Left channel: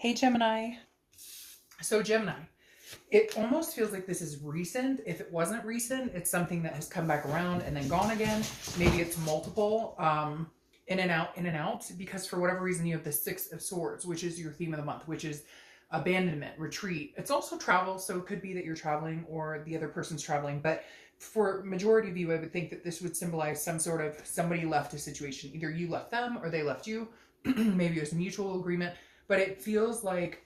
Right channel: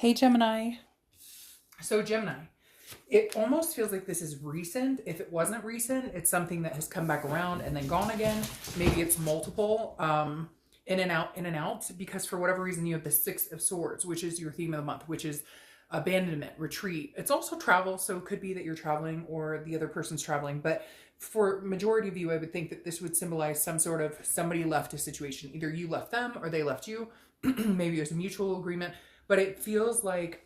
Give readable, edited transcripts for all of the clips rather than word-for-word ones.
Hey Gemini. So Gemini, it almost feels like this is recent. If it wasn't recent, it's something that has come back around and then gone again. Maybe it's multiple, in and out, because for whatever reason you have the Six of Swords, which is your theme of the month, which is abandonment, retreat. It's also travel, so it could be that you're traveling or the other person's traveling, but for majority of you, I would think that this would symbolize some sort of somebody left a situation. Either you left them or they left you. Maybe it was a mutual agreement, but it feels like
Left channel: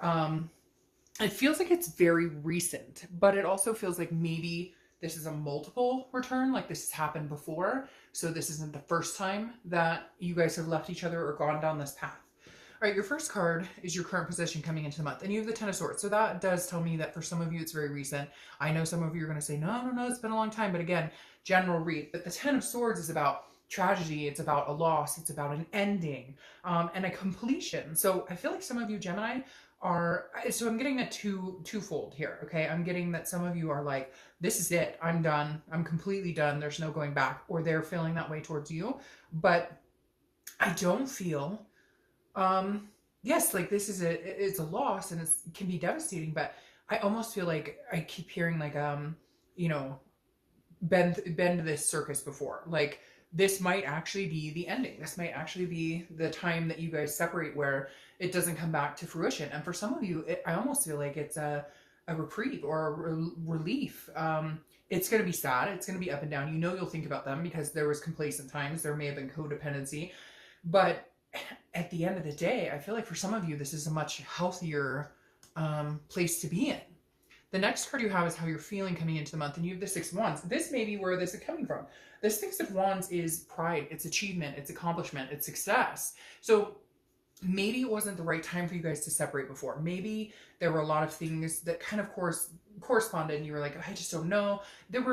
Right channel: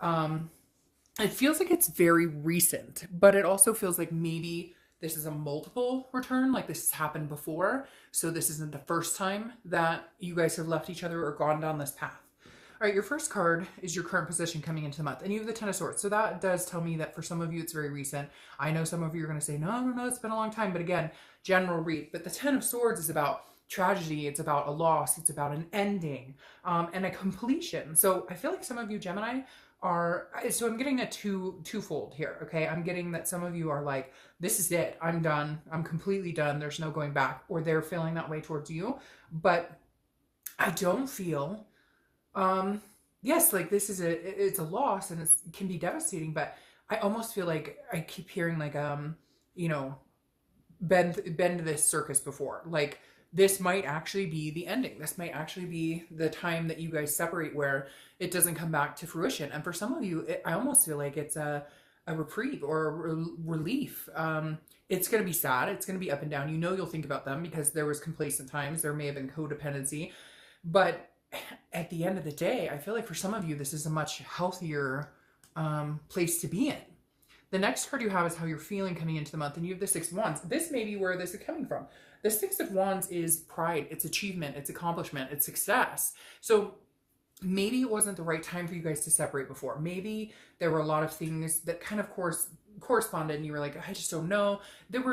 it's very recent, but it also feels like maybe this is a multiple return, like this has happened before. So this isn't the first time that you guys have left each other or gone down this path. All right, your first card is your current position coming into the month, and you have the Ten of Swords. So that does tell me that for some of you, it's very recent. I know some of you are going to say, no, it's been a long time. But again, general read. But the Ten of Swords is about tragedy. It's about a loss. It's about an ending and a completion. So I feel like some of you, Gemini, so I'm getting that twofold here. Okay, I'm getting that some of you are like, this is it, I'm done, I'm completely done, there's no going back, or they're feeling that way towards you. But I don't feel yes, like this is it's a loss and it can be devastating, but I almost feel like I keep hearing like you know, been to this circus before. Like this might actually be the ending. This might actually be the time that you guys separate where it doesn't come back to fruition. And for some of you, I almost feel like it's a reprieve or a relief. It's going to be sad. It's going to be up and down. You know, you'll think about them because there was complacent times. There may have been codependency. But at the end of the day, I feel like for some of you, this is a much healthier place to be in. The next card you have is how you're feeling coming into the month, and you have the Six of Wands. This may be where this is coming from. The Six of Wands is pride, it's achievement, it's accomplishment, it's success. So maybe it wasn't the right time for you guys to separate before. Maybe there were a lot of things that kind of corresponded, and you were like, I just don't know. There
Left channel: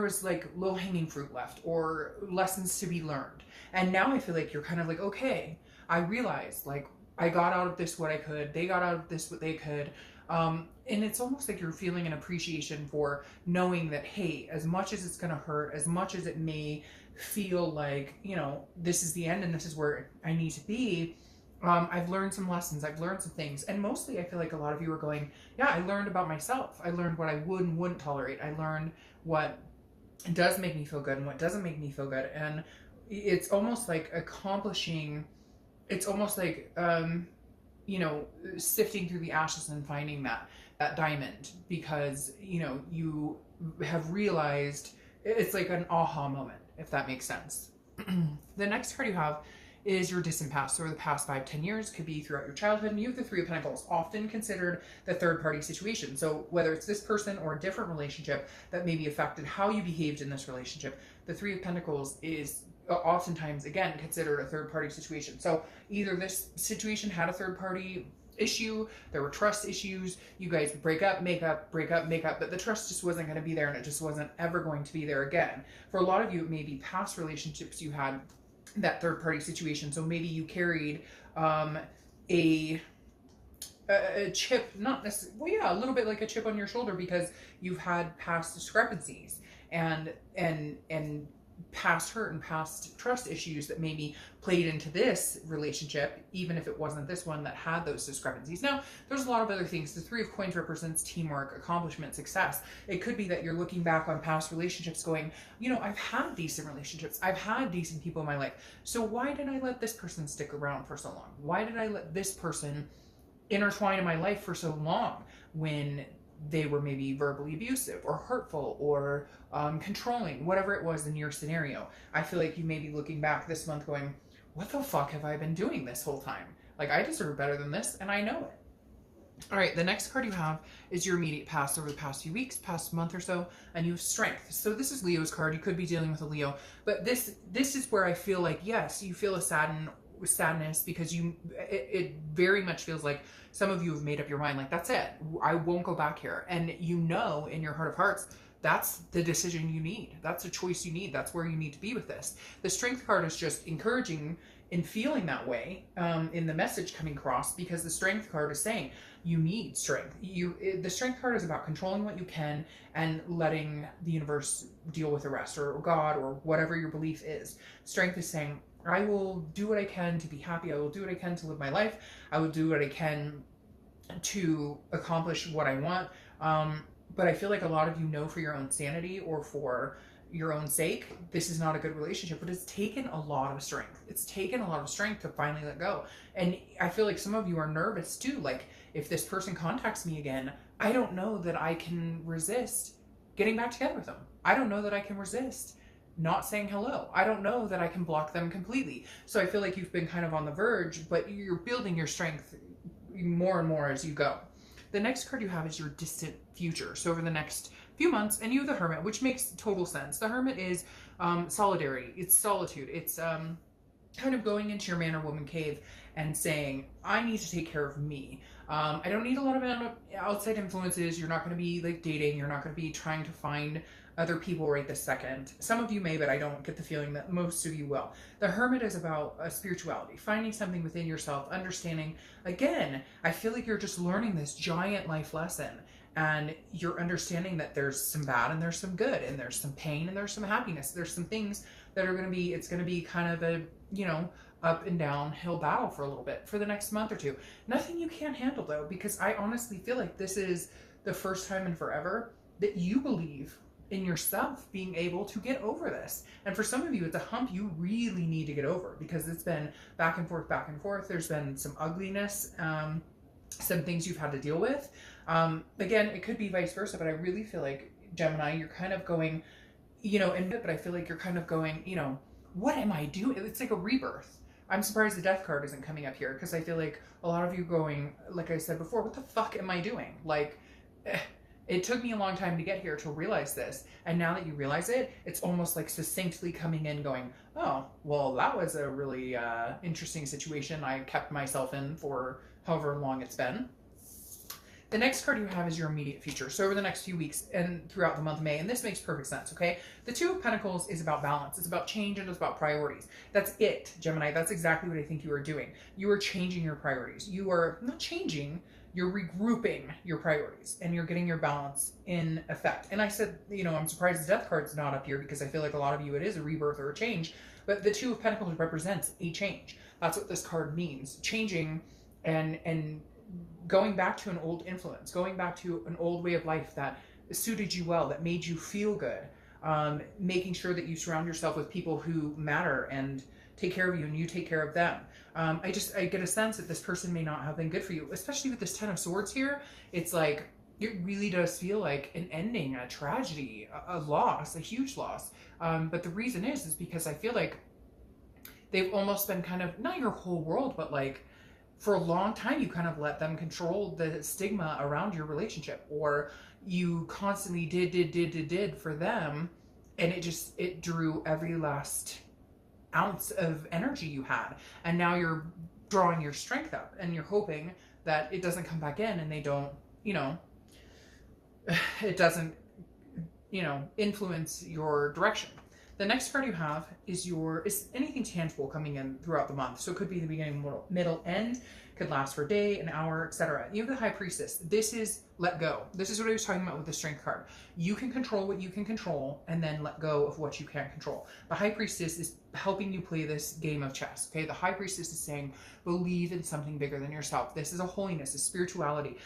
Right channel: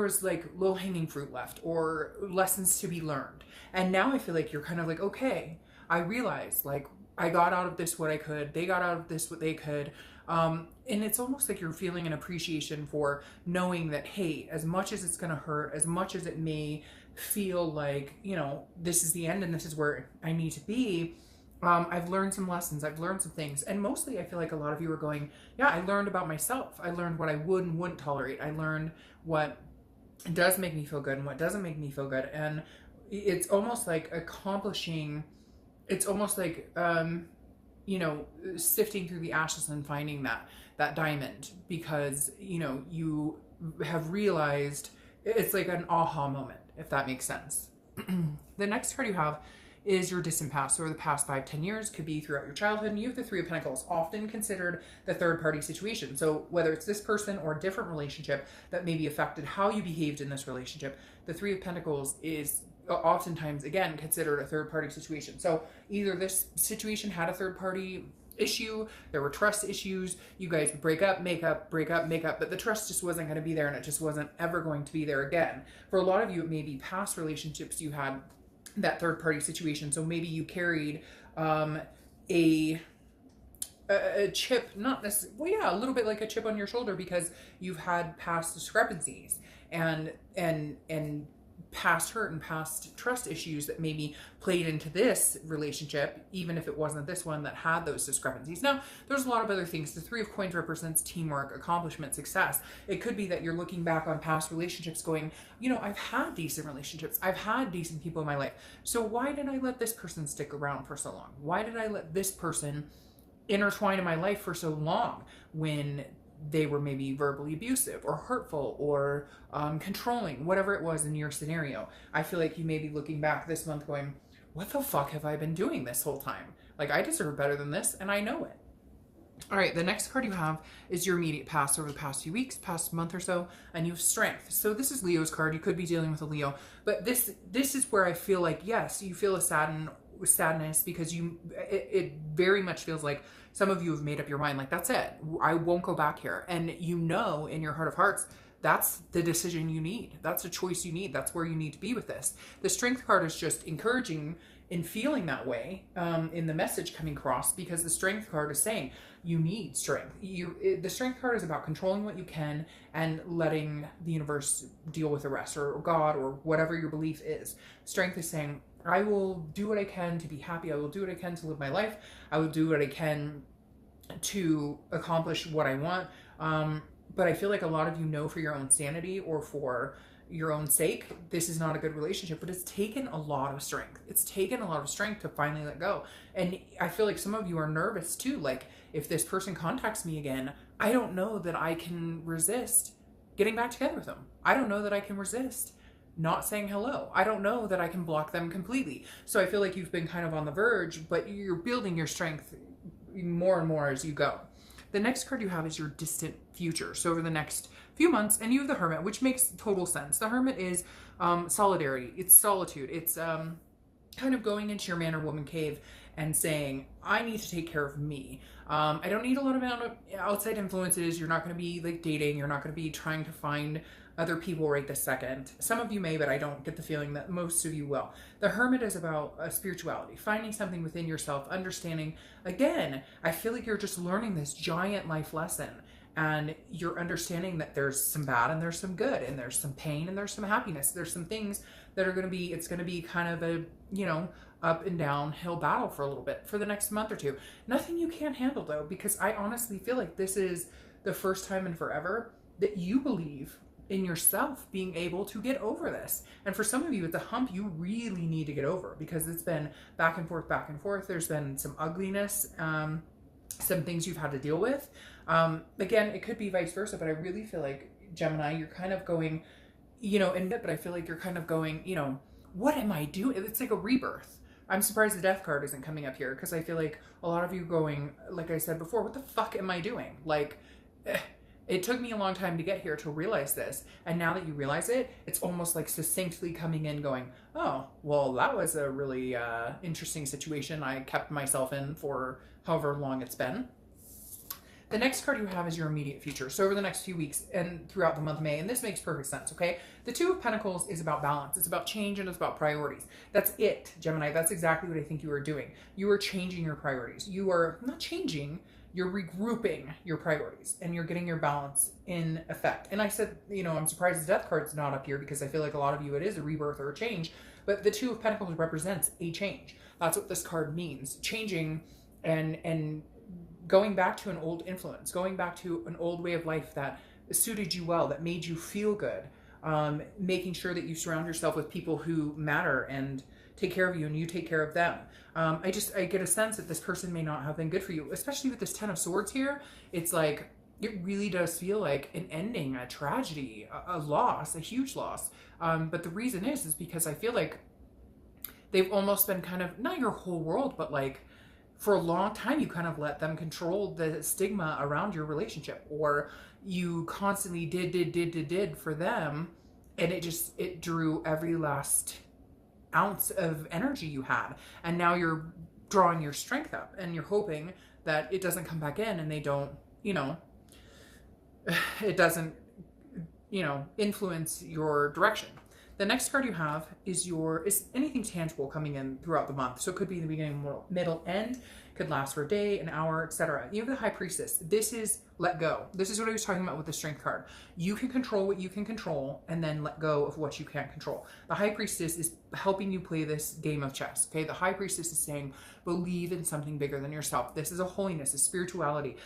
was like low-hanging fruit left or lessons to be learned. And now I feel like you're kind of like, okay, I realized like I got out of this what I could, they got out of this what they could. And it's almost like you're feeling an appreciation for knowing that, hey, as much as it's going to hurt, as much as it may feel like, you know, this is the end and this is where I need to be, I've learned some lessons, I've learned some things. And mostly I feel like a lot of you are going, yeah, I learned about myself. I learned what I would and wouldn't tolerate. I learned what does make me feel good and what doesn't make me feel good. And it's almost like accomplishing, it's almost like, you know, sifting through the ashes and finding that diamond, because, you know, you have realized, it's like an aha moment, if that makes sense. The next card you have is your distant past, or the past 5-10 years, could be throughout your childhood. And you have the Three of Pentacles, often considered the third party situation. So whether it's this person or a different relationship that maybe affected how you behaved in this relationship, the Three of Pentacles is oftentimes, again, considered a third party situation. So either this situation had a third party issue, there were trust issues, you guys would break up, make up, break up, make up, but the trust just wasn't going to be there, and it just wasn't ever going to be there again. For a lot of you, it may be past relationships you had that third party situation. So maybe you carried a chip, not necessarily, well, yeah, a little bit like a chip on your shoulder, because you've had past discrepancies and past hurt and past trust issues that maybe played into this relationship, even if it wasn't this one that had those discrepancies. Now, there's a lot of other things. The Three of Coins represents teamwork, accomplishment, success. It could be that you're looking back on past relationships going, you know, I've had decent relationships, I've had decent people in my life, so why did I let this person stick around for so long? Why did I let this person intertwine in my life for so long when they were maybe verbally abusive or hurtful or controlling, whatever it was in your scenario? I feel like you may be looking back this month going, what the fuck have I been doing this whole time? Like, I deserve better than this, and I know it. All right, the next card you have is your immediate past, over the past few weeks, past month or so, and you have Strength. So this is Leo's card. You could be dealing with a Leo, but this is where I feel like, yes, you feel a sadness, because it very much feels like some of you have made up your mind, like, that's it, I won't go back here. And you know in your heart of hearts, that's the decision you need. That's a choice you need. That's where you need to be with this. The Strength card is just encouraging in feeling that way, in the message coming across, because the Strength card is saying you need strength. The Strength card is about controlling what you can and letting the universe deal with the rest, or God, or whatever your belief is. Strength is saying, I will do what I can to be happy. I will do what I can to live my life. I will do what I can to accomplish what I want. But I feel like a lot of you know, for your own sanity or for your own sake, this is not a good relationship. But it's taken a lot of strength. It's taken a lot of strength to finally let go. And I feel like some of you are nervous too. Like, if this person contacts me again, I don't know that I can resist getting back together with them. I don't know that I can resist not saying hello. I don't know that I can block them completely. So I feel like you've been kind of on the verge, but you're building your strength more and more as you go. The next card you have is your distant future. So over the next few months, and you have the Hermit, which makes total sense. The Hermit is solidarity. It's solitude. It's kind of going into your man or woman cave and saying, I need to take care of me. I don't need a lot of outside influences. You're not going to be like dating. You're not going to be trying to find other people right this second. Some of you may, but I don't get the feeling that most of you will. The Hermit is about spirituality, finding something within yourself, understanding. Again, I feel like you're just learning this giant life lesson, and you're understanding that there's some bad and there's some good, and there's some pain and there's some happiness. There's some things that are going to be, it's going to be kind of a, you know, up and downhill battle for a little bit for the next month or two. Nothing you can't handle though, because I honestly feel like this is the first time in forever that you believe in yourself being able to get over this. And for some of you, it's a hump you really need to get over, because it's been back and forth, back and forth. There's been some ugliness, some things you've had to deal with. Again, it could be vice versa, but I really feel like, Gemini, you're kind of going, you know, but I feel like you're kind of going, you know, what am I doing? It's like a rebirth. I'm surprised the Death card isn't coming up here, because I feel like a lot of you going, like I said before, what the fuck am I doing? Like, it took me a long time to get here to realize this. And now that you realize it, it's almost like succinctly coming in going, oh, well, that was a really interesting situation I kept myself in for however long it's been. The next card you have is your immediate future. So over the next few weeks and throughout the month of May, and this makes perfect sense, okay? The Two of Pentacles is about balance. It's about change and it's about priorities. That's it, Gemini. That's exactly what I think you are doing. You are changing your priorities. You are not changing, you're regrouping your priorities, and you're getting your balance in effect. And I said, you know, I'm surprised the Death card's not up here, because I feel like a lot of you, it is a rebirth or a change. But the Two of Pentacles represents a change. That's what this card means. Changing and going back to an old influence, going back to an old way of life that suited you well, that made you feel good, making sure that you surround yourself with people who matter and take care of you and you take care of them. I get a sense that this person may not have been good for you, especially with this Ten of Swords here. It's like, it really does feel like an ending, a tragedy, a loss, a huge loss. But the reason is because I feel like they've almost been kind of, not your whole world, but like, for a long time, you kind of let them control the stigma around your relationship, or you constantly did for them. And it drew every last ounce of energy you had. And now you're drawing your strength up, and you're hoping that it doesn't come back in, and they don't, you know, it doesn't, you know, influence your direction. The next card you have is anything tangible coming in throughout the month. So it could be the beginning, middle, end. Could last for a day, an hour, etc. You have the High Priestess. This is let go. This is what I was talking about with the Strength card. You can control what you can control, and then let go of what you can't control. The High Priestess is helping you play this game of chess. Okay, the High Priestess is saying, believe in something bigger than yourself. This is a holiness, a spirituality.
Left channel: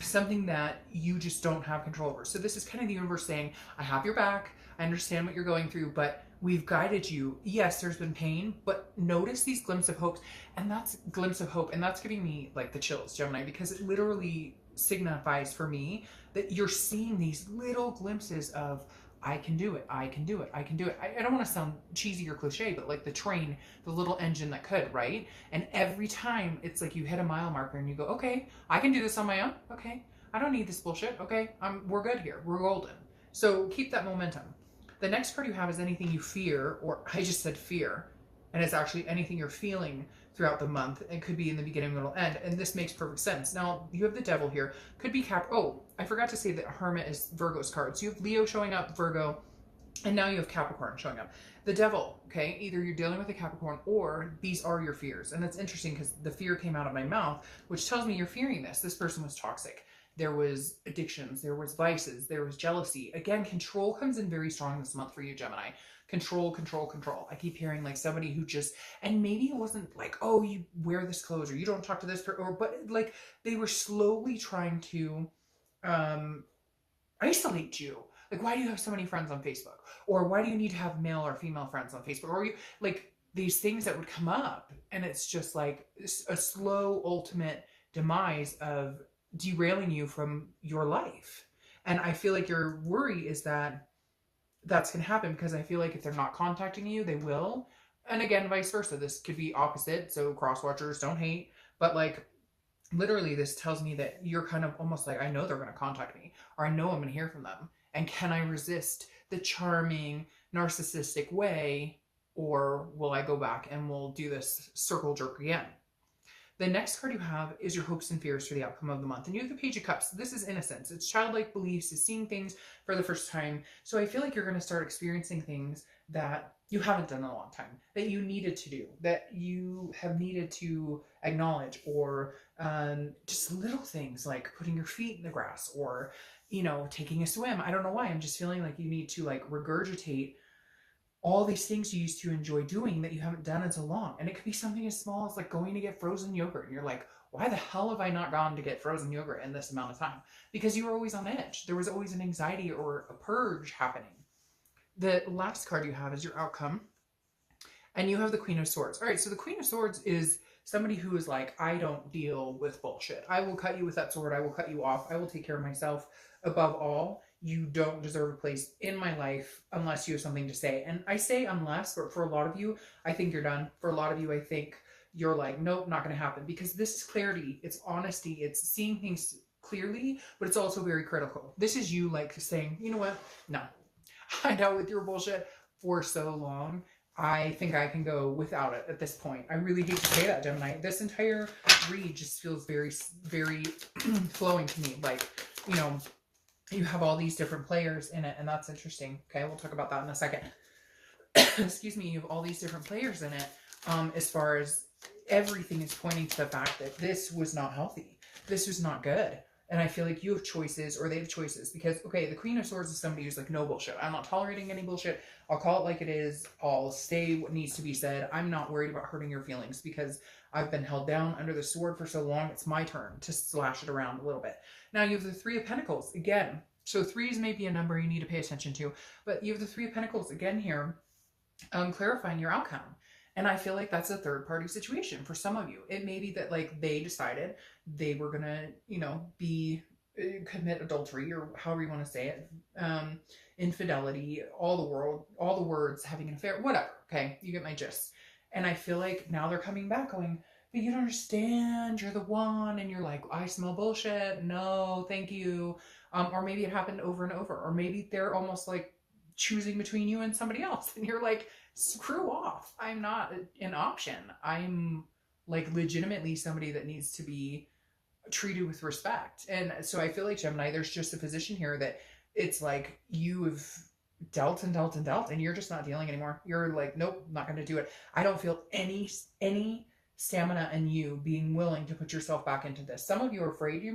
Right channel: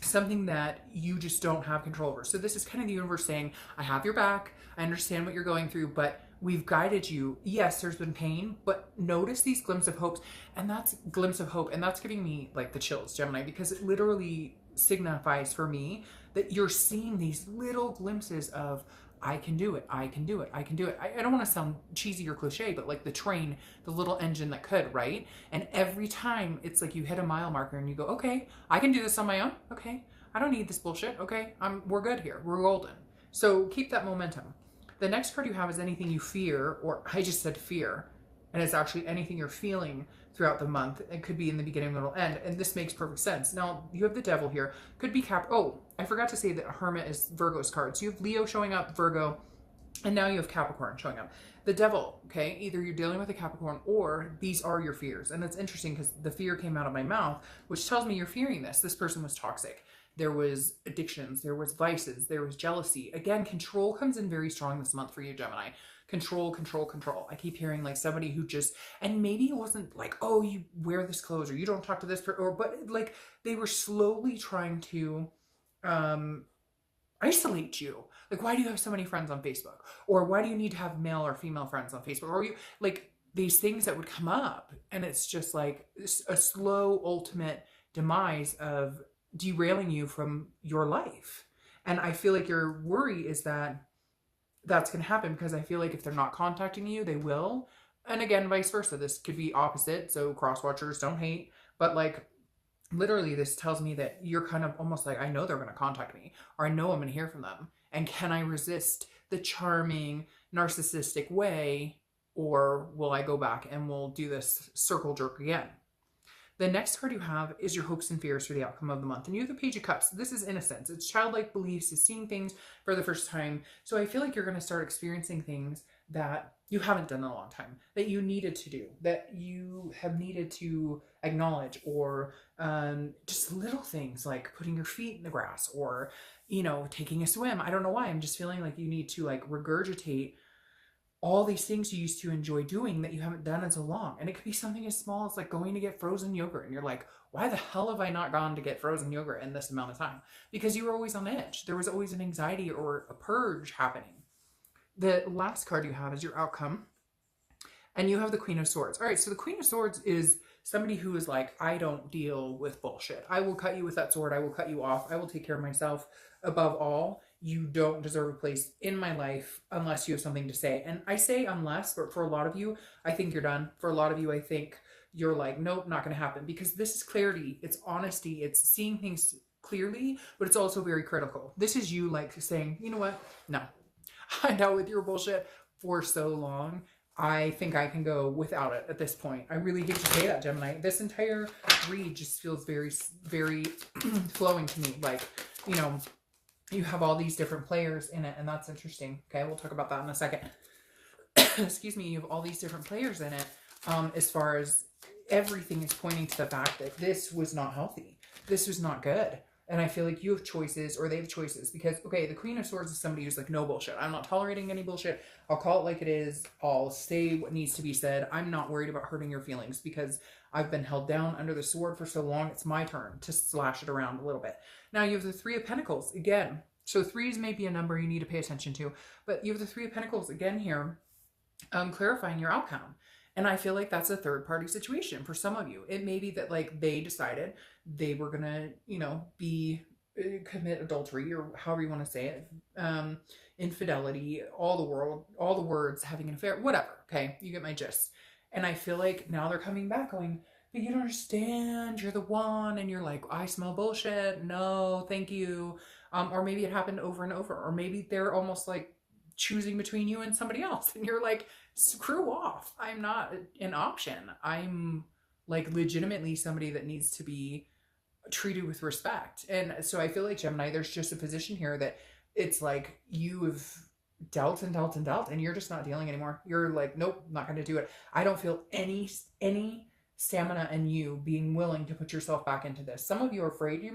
Something that you just don't have control over. So this is kind of the universe saying, I have your back. I understand what you're going through, but we've guided you. Yes, there's been pain, but notice these glimpses of hope. And that's glimpse of hope. And that's giving me like the chills, Gemini, because it literally signifies for me that you're seeing these little glimpses of, I can do it. I can do it. I can do it. I don't want to sound cheesy or cliche, but like the train, the little engine that could, right? And every time it's like you hit a mile marker and you go, okay, I can do this on my own. Okay. I don't need this bullshit. Okay. We're good here. We're golden. So keep that momentum. The next card you have is anything you fear, or I just said fear, and it's actually anything you're feeling throughout the month. It could be in the beginning, middle, end, and this makes perfect sense. Now, you have the Devil here. Could be oh, I forgot to say that Hermit is Virgo's card. So you have Leo showing up, Virgo, and now you have Capricorn showing up. The Devil, okay, either you're dealing with a Capricorn or these are your fears. And that's interesting because the fear came out of my mouth, which tells me you're fearing this. This person was toxic. There was addictions, there was vices, there was jealousy. Again, control comes in very strong this month for you, Gemini. control, control, control. I keep hearing like somebody who just, and maybe it wasn't like, oh, you wear this clothes or you don't talk to this person, or, but like they were slowly trying to isolate you. Like, why do you have so many friends on Facebook? Or why do you need to have male or female friends on Facebook? Or you, like, these things that would come up. And it's just like a slow, ultimate demise of derailing you from your life. And I feel like your worry is that that's going to happen, because I feel like if they're not contacting you, they will. And again, vice versa. This could be opposite. So cross-watchers, don't hate. But like, literally, this tells me that you're kind of almost like, I know they're going to contact me, or I know I'm going to hear from them. And can I resist the charming, narcissistic way, or will I go back and we'll do this circle jerk again? The next card you have is your hopes and fears for the outcome of the month. And you have the Page of Cups. This is innocence. It's childlike beliefs. It's seeing things for the first time. So I feel like you're going to start experiencing things that you haven't done in a long time, that you needed to do, that you have needed to acknowledge, or just little things like putting your feet in the grass, or, you know, taking a swim. I don't know why. I'm just feeling like you need to like regurgitate all these things you used to enjoy doing that you haven't done in so long. And it could be something as small as like going to get frozen yogurt. And you're like, why the hell have I not gone to get frozen yogurt in this amount of time? Because you were always on edge. There was always an anxiety or a purge happening. The last card you have is your outcome. And you have the Queen of Swords. All right, so the Queen of Swords is somebody who is like, I don't deal with bullshit. I will cut you with that sword. I will cut you off. I will take care of myself. Above all, you don't deserve a place in my life unless you have something to say. And I say unless, but for a lot of you, I think you're done. For a lot of you, I think you're like, nope, not going to happen. Because this is clarity. It's honesty. It's seeing things clearly, but it's also very critical. This is you like saying, you know what? No. I know with your bullshit for so long. I think I can go without it at this point. I really hate to say that, Gemini. This entire read just feels very, very flowing to me. Like, you know, you have all these different players in it, and that's interesting. Okay, we'll talk about that in a second. Excuse me, you have all these different players in it. As far as everything is pointing to the fact that this was not healthy. This was not good. And I feel like you have choices, or they have choices, because, okay, the Queen of Swords is somebody who's like, no bullshit. I'm not tolerating any bullshit. I'll call it like it is. I'll say what needs to be said. I'm not worried about hurting your feelings because I've been held down under the sword for so long. It's my turn to slash it around a little bit. Now you have the Three of Pentacles again. So 3 is maybe a number you need to pay attention to, but you have the Three of Pentacles again here, clarifying your outcome. And I feel like that's a third party situation for some of you. It may be that like they decided they were going to, you know, commit adultery, or however you want to say it, infidelity, all the words, having an affair, whatever. Okay. You get my gist. And I feel like now they're coming back going, but you don't understand. You're the one. And you're like, I smell bullshit. No, thank you. Or maybe it happened over and over, or maybe they're almost like choosing between you and somebody else. And you're like, screw off. I'm not an option. I'm like legitimately somebody that needs to be treated with respect. And so I feel like, Gemini, there's just a position here that it's like you've dealt and dealt and dealt, and you're just not dealing anymore. You're like, nope, not going to do it. I don't feel any stamina in you being willing to put yourself back into this. Some of you are afraid you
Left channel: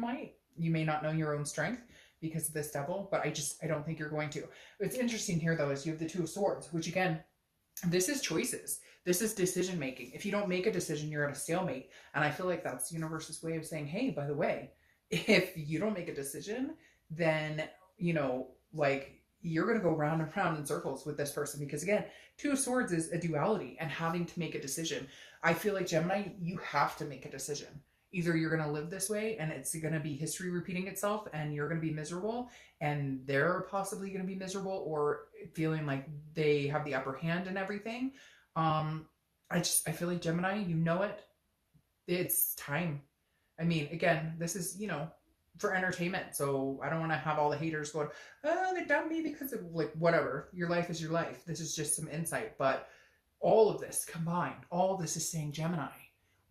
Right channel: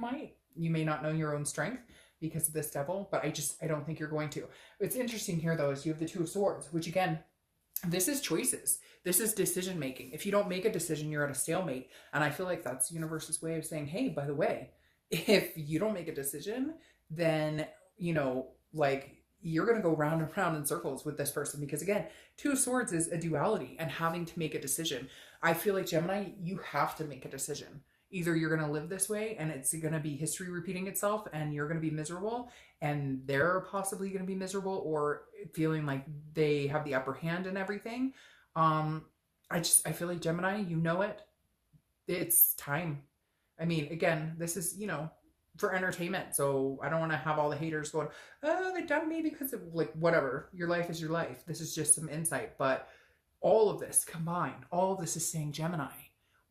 may not know your own strength because of this devil, but I don't think you're going to. It's interesting here though, is you have the Two of Swords, which again, this is choices. This is decision making. If you don't make a decision, you're at a stalemate. And I feel like that's the universe's way of saying, hey, by the way, if you don't make a decision, then, you know, like you're going to go round and round in circles with this person. Because again, Two of Swords is a duality and having to make a decision. I feel like, Gemini, you have to make a decision. Either you're going to live this way and it's going to be history repeating itself and you're going to be miserable and they're possibly going to be miserable, or feeling like they have the upper hand and everything. I feel like, Gemini, you know it. It's time. I mean, again, this is, you know, for entertainment. So I don't want to have all the haters going, oh, they dumped me because of like, whatever. Your life is your life. This is just some insight. But all of this combined, all this is saying, Gemini,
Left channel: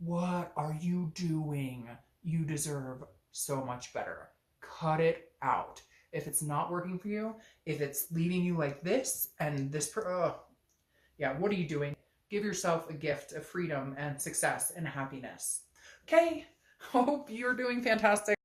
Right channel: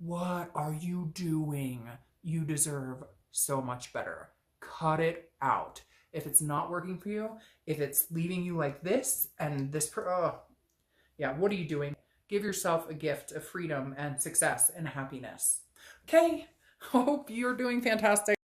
what are you doing? You deserve so much better. Cut it out. If it's not working for you, if it's leaving you like this and this, yeah, what are you doing? Give yourself a gift of freedom and success and happiness. Okay. Hope you're doing fantastic.